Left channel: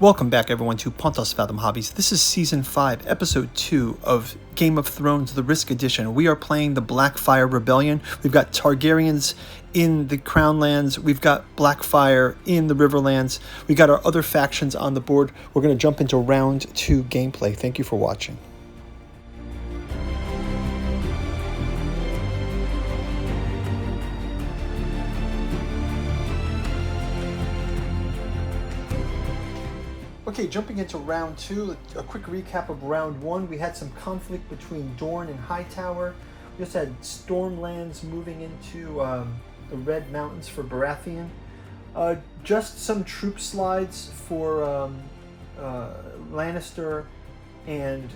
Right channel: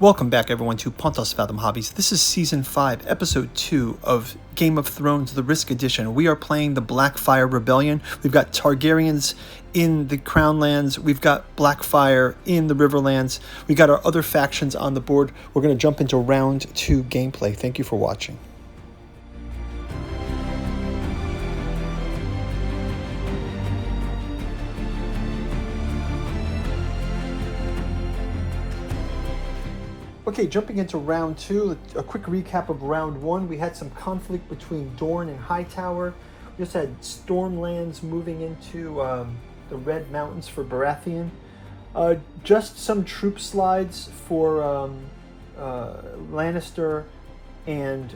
Welcome back, everyone, to Pontos Fathom Hobbies. This is Season 5, Episode 2 of Game of Thrones, the Risk Edition. We are playing the Blackfyre Rebellion. We've got Targaryens in the Crownlands. We've got Blackfyre in the Riverlands. We got our other factions on the board. We're going to jump into Round 2 gameplay. Thank you for watching. Okay, jumping into round 2, a quick recap of round 1. We had some conflict between Dorne and Hightower. We just had Stormlands moving into the Red Mountains for Baratheon. Just some troop slides for Lannister and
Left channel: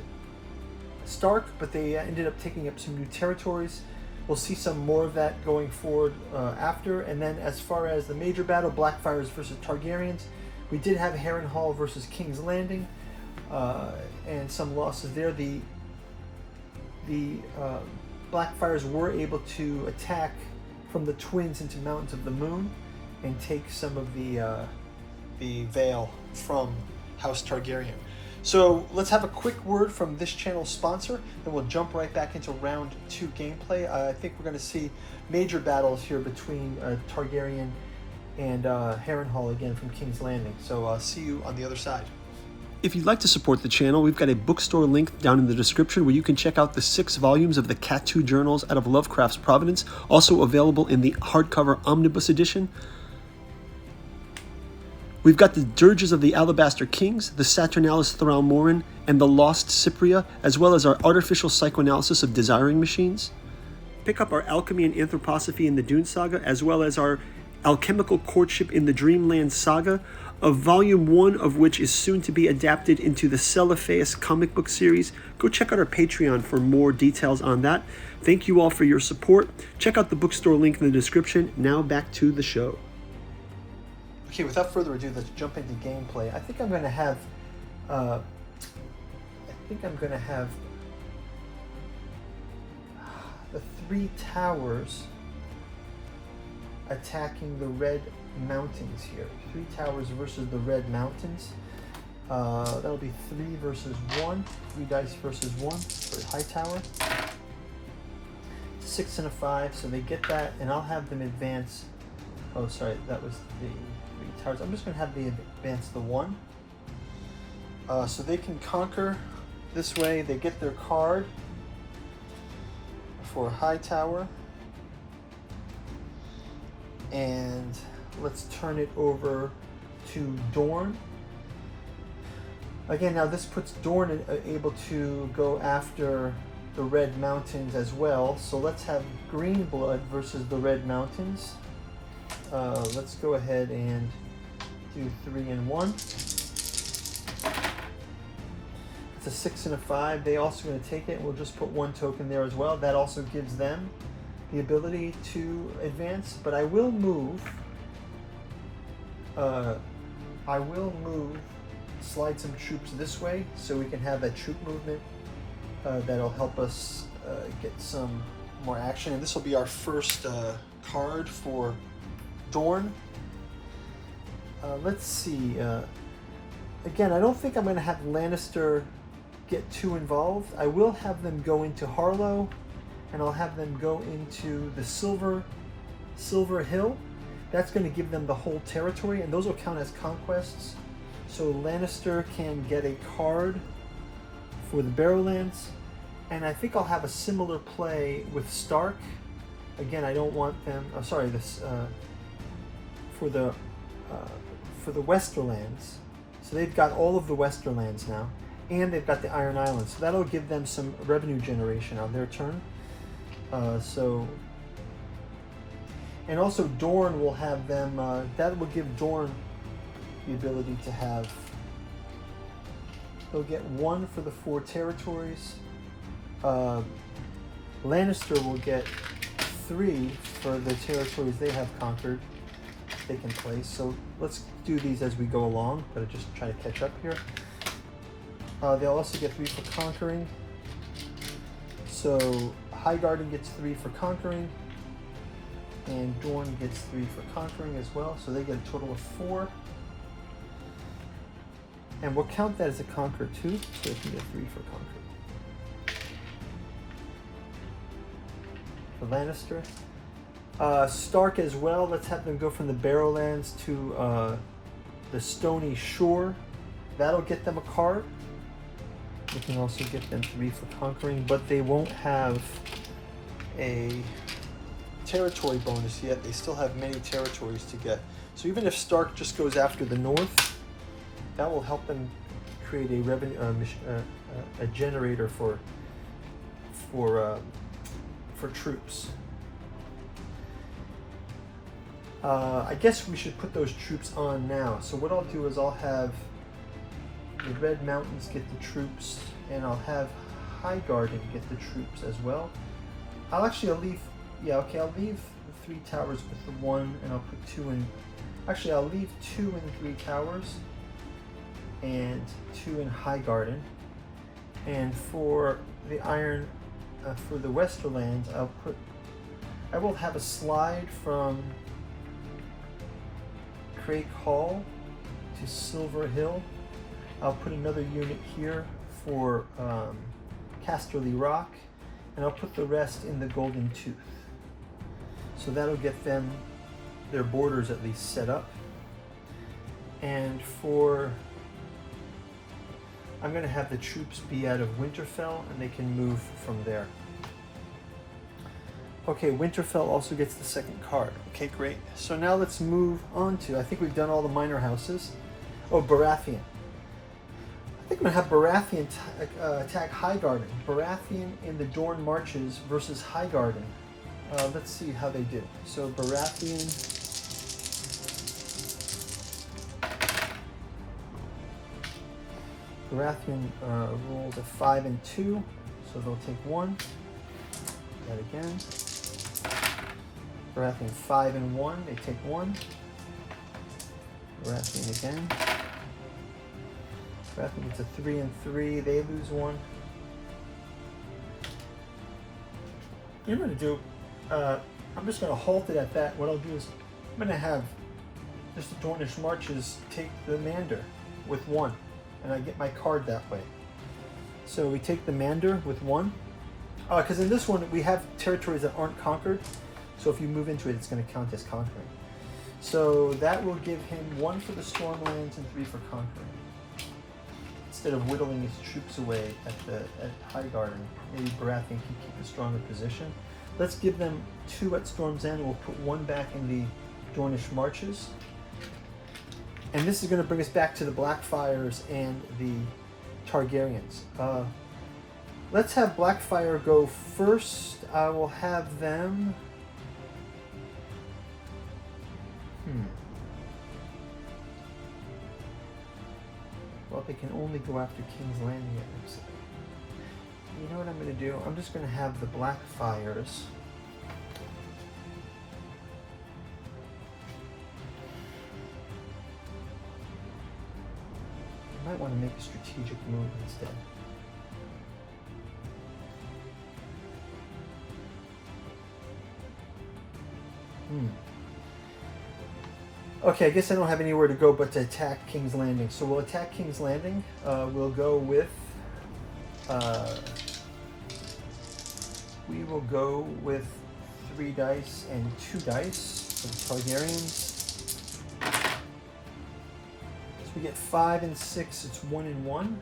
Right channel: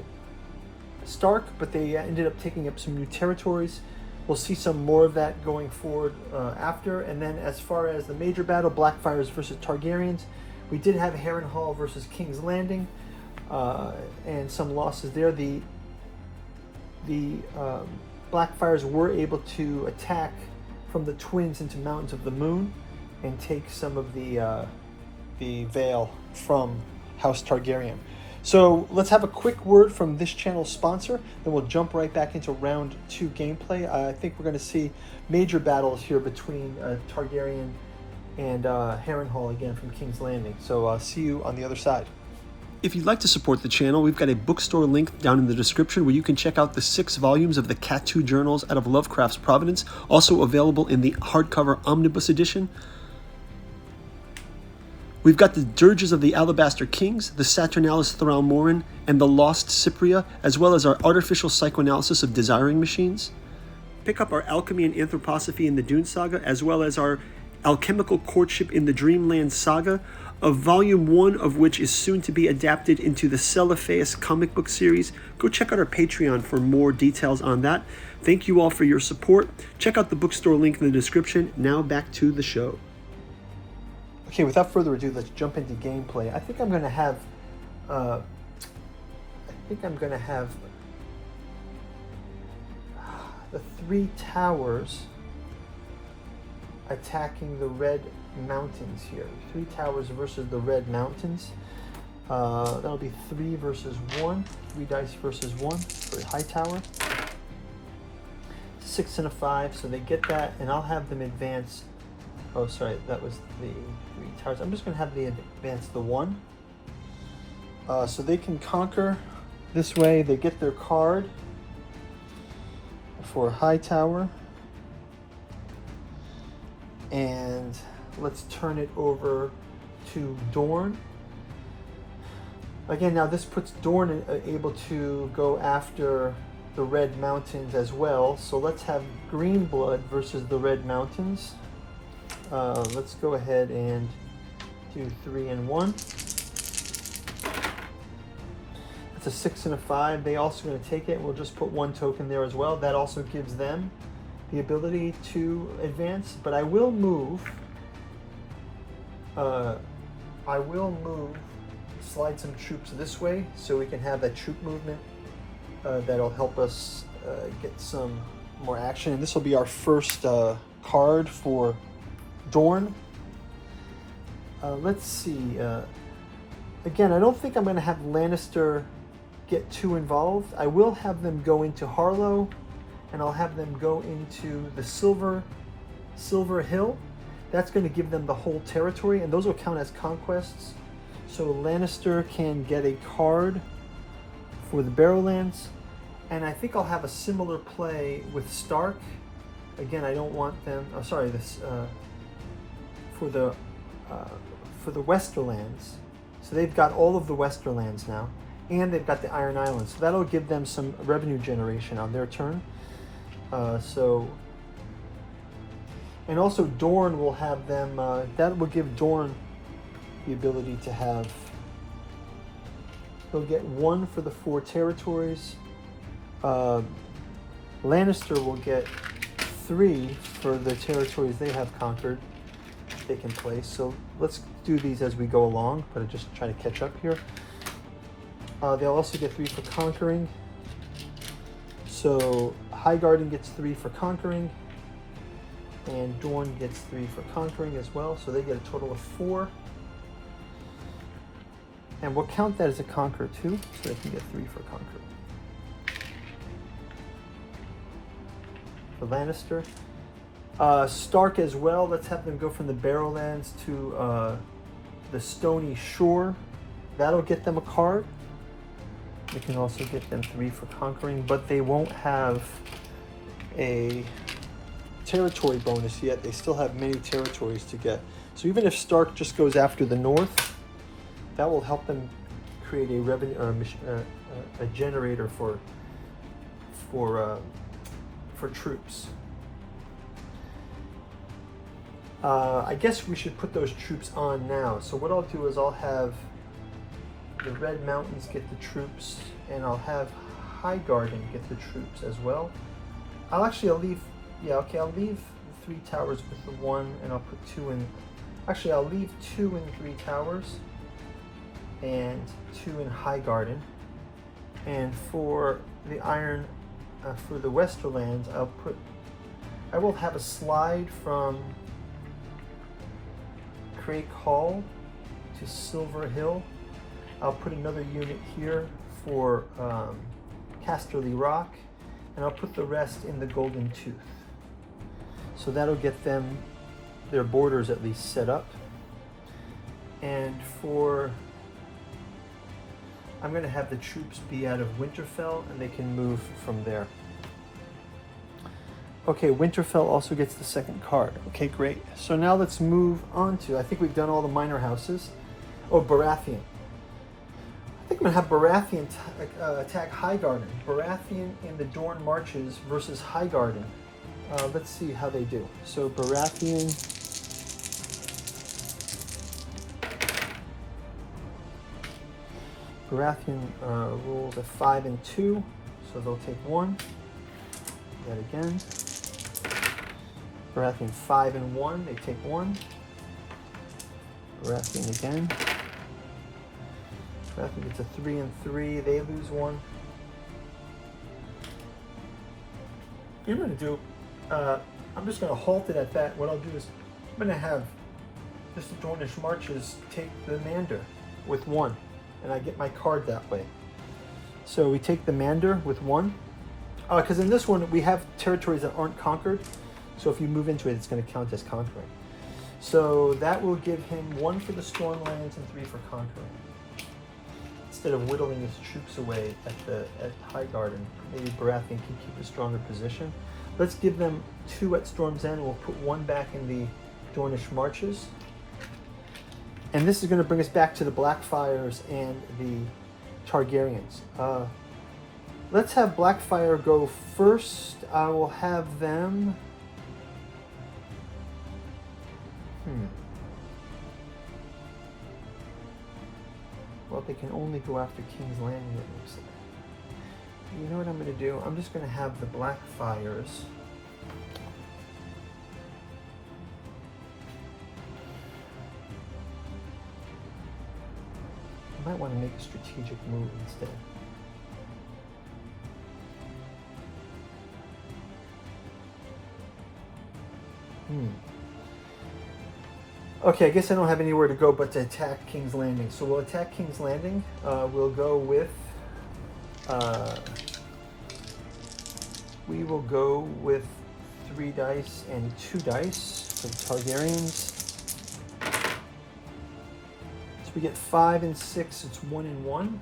Stark, but they ended up taking up some new territories. We'll see some more of that going forward after. And then as far as the major battle, Blackfyres versus Targaryens, we did have Harrenhal versus King's Landing, and some losses there. The Blackfyres were able to attack from the Twins into Mountains of the Moon and take some of the Vale from House Targaryen. So let's have a quick word from this channel's sponsor, then we'll jump right back into round 2 gameplay. I think we're going to see major battles here between Targaryen and Harrenhal again from King's Landing. So see you on the other side. If you'd like to support the channel, we've got a bookstore link down in the description where you can check out the 6 volumes of the Cat 2 journals out of Lovecraft's Providence, also available in the hardcover omnibus edition. We've got the Dirges of the Alabaster Kings, the Saturnalis Thraulmoran, and the Lost Cypria, as well as our artificial psychoanalysis of desiring machines. Pick up our Alchemy and Anthroposophy in the Dune Saga, as well as our Alchemical Courtship in the Dreamland Saga, of Volume 1 of which is soon to be adapted into the Celophaeus comic book series. Go check out our Patreon for more details on that. Thank you all for your support. Check out the bookstore link in the description. Now back to the show. Okay, without further ado, let's jump into gameplay. I think I'm going to have the 3 towers attacking the Red Mountains here. 3 towers versus the Red Mountains. That'll be 3 versus 1. 3 dice versus 1 for Hightower. 6 and a 5, so they get that, and I'll have them advance. Oh, sorry, that was the 3 towers. I'm just going to have them advance the 1. So they can conquer this way. They get their card for Hightower. And let's turn it over to Dorne. Again, now this puts Dorne able to go after the Red Mountains as well. So let's have Green Blood versus the Red Mountains. Let's go ahead and do 3 and 1. It's a 6 and a 5. They also going to take it. We'll just put 1 token there as well. That also gives them the ability to advance, but I will move, slide some troops this way so we can have that troop movement that'll help us get some more action. And this will be our first card for Dorne. Let's see. Again, I don't think I'm going to have Lannister get too involved. I will have them go into Harlow, and I'll have them go into the Silver Hill. That's going to give them the whole territory, and those will count as conquests. So Lannister can get a card for the Barrowlands, and I think I'll have a similar play with Stark. Again, I don't want them. Oh, sorry, this for the Westerlands. So they've got all of the Westerlands now, and they've got the Iron Islands. So that'll give them some revenue generation on their turn. And also Dorne will have them, that will give Dorne the ability to have, they'll get 1 for the 4 territories. Lannister will get 3 for the territories they have conquered, taken place. So let's do these as we go along, but I just try to catch up here. They'll also get 3 for conquering. So Highgarden gets 3 for conquering, and Dorne gets 3 for conquering as well, so they get a total of 4. And we'll count that as a conquer too, so they can get 3 for conquer. For Lannister. Stark as well, let's have them go from the Barrowlands to the Stony Shore. That'll get them a card. We can also get them 3 for conquering, but they won't have a territory bonus yet. They still have many territories to get. So even if Stark just goes after the north, that will help them create a revenue, a generator for troops. I guess we should put those troops on now. So what I'll do is I'll have the Red Mountains get the troops, and I'll have Highgarden get the troops as well. I'll leave, I'll leave the 3 towers with the 1, and I'll put 2 in, actually I'll leave 2 in 3 towers, and 2 in Highgarden. And for the Iron, for the Westerlands, I will have a slide from Crake Hall to Silver Hill. I'll put another unit here for Casterly Rock, and I'll put the rest in the Golden Tooth. So that'll get them their borders at least set up. And I'm going to have the troops be out of Winterfell, and they can move from there. Okay, Winterfell also gets the 2nd card. Okay, great. So now let's move on to, I think we've done all the minor houses. Oh, Baratheon. I think I'm going to have Baratheon attack Highgarden. Baratheon in the Dorne Marches versus Highgarden. Let's see how they do. So Baratheon. Baratheon rolls a 5 and 2, so they'll take 1. That again. Baratheon 5 and 1, they take 1. Baratheon again. Baratheon gets a 3 and 3, they lose 1. I'm going to do, I'm just going to halt it at that. What I'll do is, I'm going to have just the Dornish Marches take the Mander with 1. And I get my card that way. So we take the Mander with 1. Because in this one, we have territories that aren't conquered. So if you move into it, it's going to count as conquering. So that will give him 1 for the Stormlands and 3 for conquering. Instead of whittling his troops away at Highgarden, maybe Baratheon can keep a stronger position. Let's give them 2 at Storm's End, and we'll put 1 back in the Dornish Marches. And this is going to bring us back to the Blackfyres and the Targaryens. Let's have Blackfyre go first. I will have them... Well, they can only go after King's Landing, it looks like. You know what I'm going to do? I'm just going to have the Blackfyres... I might want to make a strategic move instead. Okay, I guess I don't have anywhere to go but to attack King's Landing. So we'll attack King's Landing. We'll go with... we will go with 3 dice and 2 dice for the Targaryens. We get 5 and 6, it's 1 and 1.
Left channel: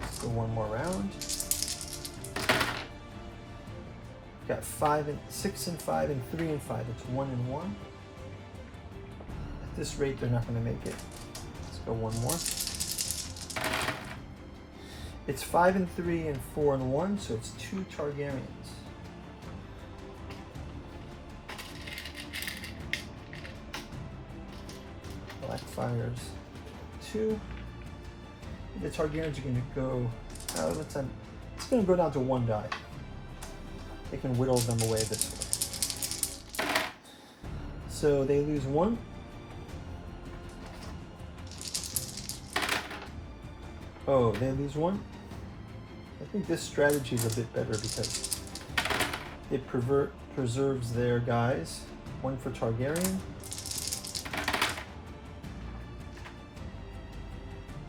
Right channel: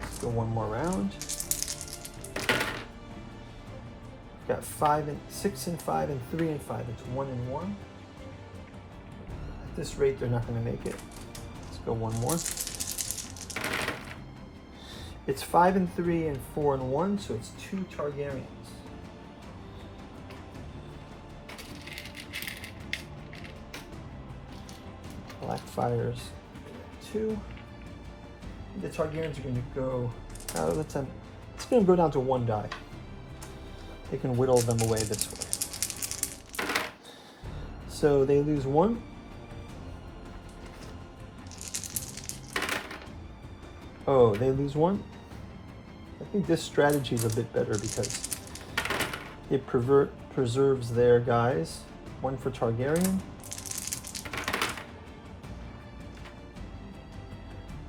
Let's go one more round. We've got 6 and 5 and 3 and 5, it's 1 and 1. At this rate, they're not going to make it. Let's go one more. It's 5 and 3 and 4 and 1, so it's 2 Targaryens. Blackfyres 2. The Targaryens are going to go. It's going to go down to 1 die. They can whittle them away this way. So they lose 1. Oh, they lose 1. I think this strategy is a bit better because it preserves their guys. 1 for Targaryen.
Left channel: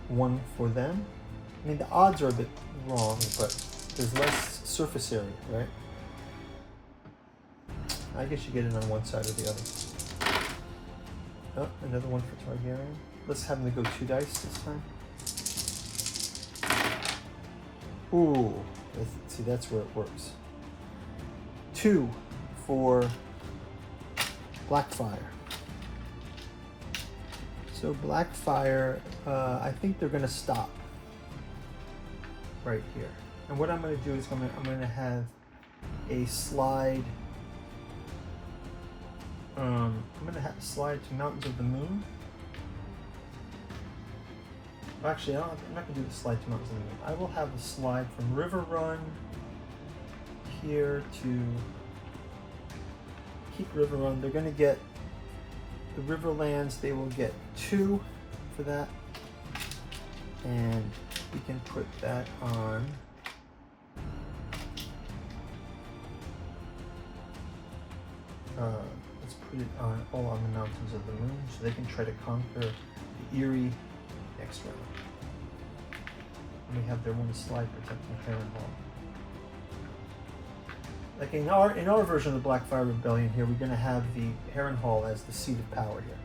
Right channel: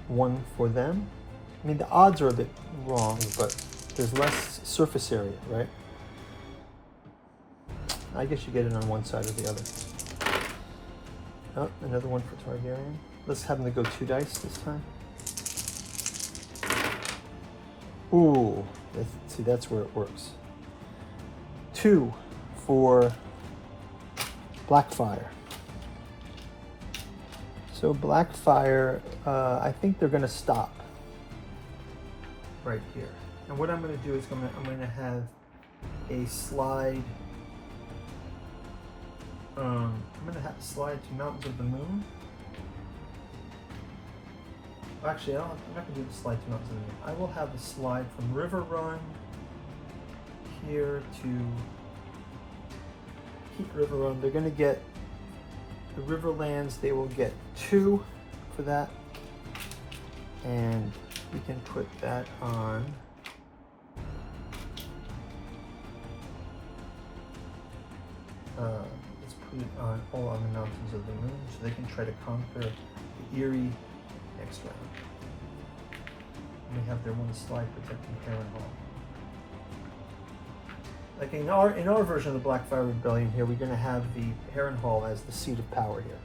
1 for them. I mean, the odds are a bit wrong, but there's less surface area, right? I guess you get it on one side or the other. Oh, another one for Targaryen. Let's have them go 2 dice this time. Ooh, see, that's where it works. 2 for Blackfyre. So Blackfyre, I think they're going to stop right here. And what I'm going to do is I'm going to have a slide. I'm going to have a slide to Mountains of the Moon. Actually, I'm not going to do the slide to Mountains of the Moon. I will have a slide from River Run here to keep River Run. They're going to get the Riverlands. They will get 2 for that. And we can put that on let's put it on all on the Mountains of the Moon so they can try to conquer the Eyrie next round. And we have their 1 slide protecting Harrenhal. Like in our version of the Blackfyre Rebellion here, we're going to have the Harrenhal as the seat of power here.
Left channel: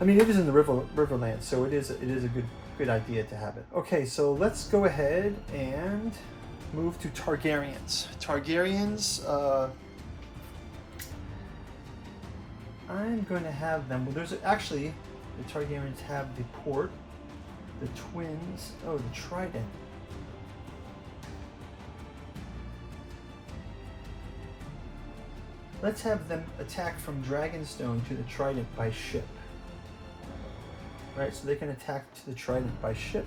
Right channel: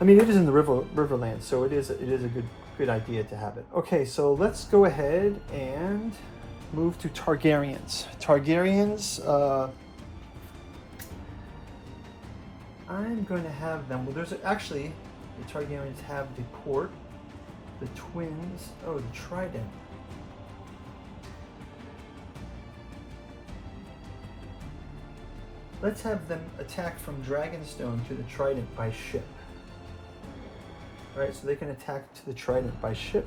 I mean, it is in the Riverland, so it is a good idea to have it. Okay, so let's go ahead and move to Targaryens. Targaryens, I'm going to have them. Well, actually, the Targaryens have the port, the twins. Oh, the trident. Let's have them attack from Dragonstone to the trident by ship. Right, so they can attack to the trident by ship.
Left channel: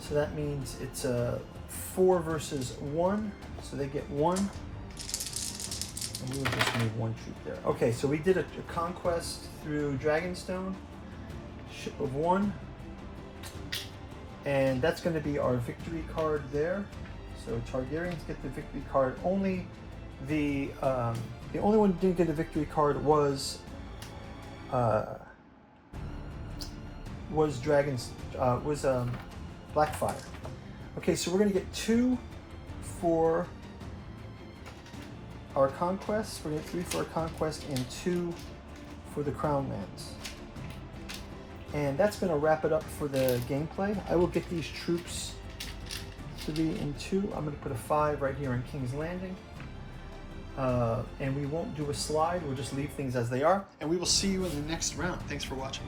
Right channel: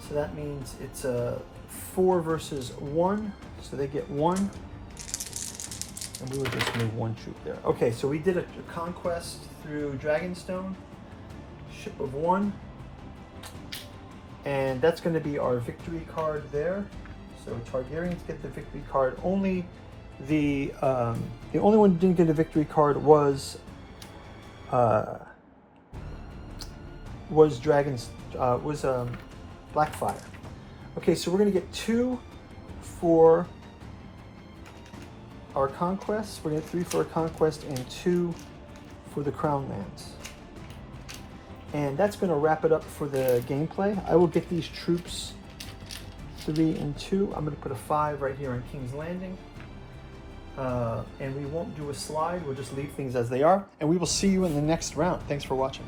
So that means it's a 4 versus 1. So they get 1. And we will just move 1 troop there. Okay, so we did a conquest through Dragonstone. Ship of 1. And that's going to be our victory card there. So Targaryens get the victory card. Only the only one who didn't get a victory card was Blackfyre. Okay, so we're going to get 2 for our conquest. We're going to get 3 for our conquest and 2 for the Crown Lands. And that's going to wrap it up for the gameplay. I will get these troops 3 and 2. I'm going to put a 5 right here on King's Landing. And we won't do a slide. We'll just leave things as they are. And we will see you in the next round. Thanks for watching.